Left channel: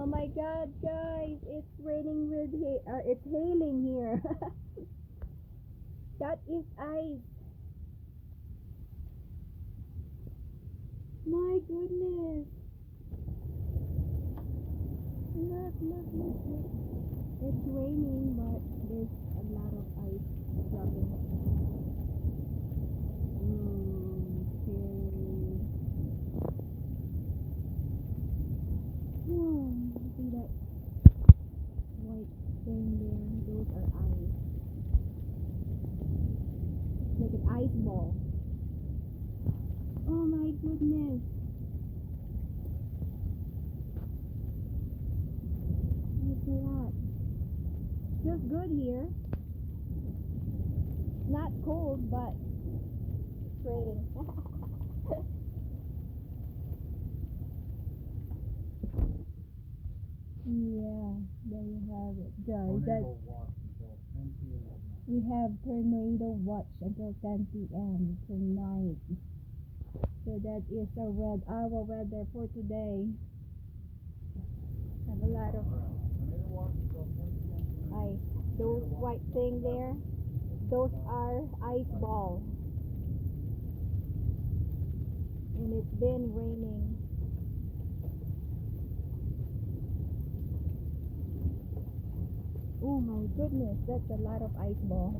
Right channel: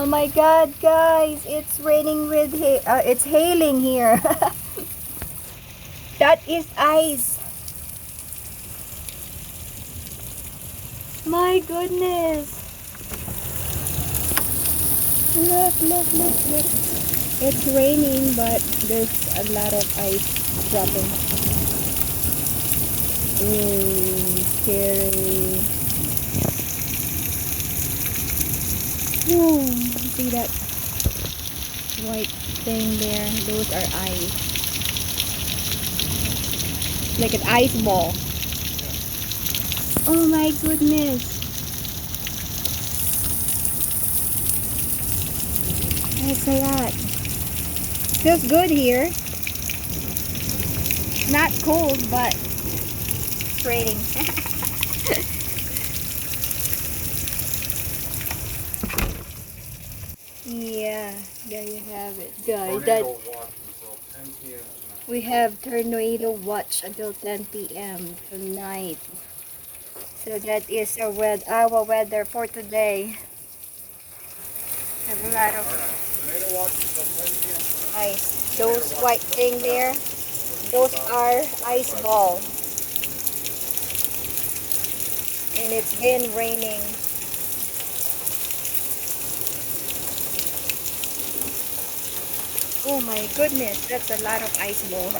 Oh my god, guys, it's raining with it's hailing here. That is ice. My goodness. Look, look, look, look. It's raining, but there's a lot of ice dropping. Ooh, scary. Ooh, see that white thing there? Those are ice. Like an ice ball. Oh my goodness. That's a lot. Feels good here. Not cold, but it's raining. Yeah, there you have it, guys. We have tornado watch until 10 p.m. tonight. So that is our weather for today. Have a lot of ice. Those white thing there, those are ice ball. And it's been raining. Oh my goodness, that's a lot of ice ball.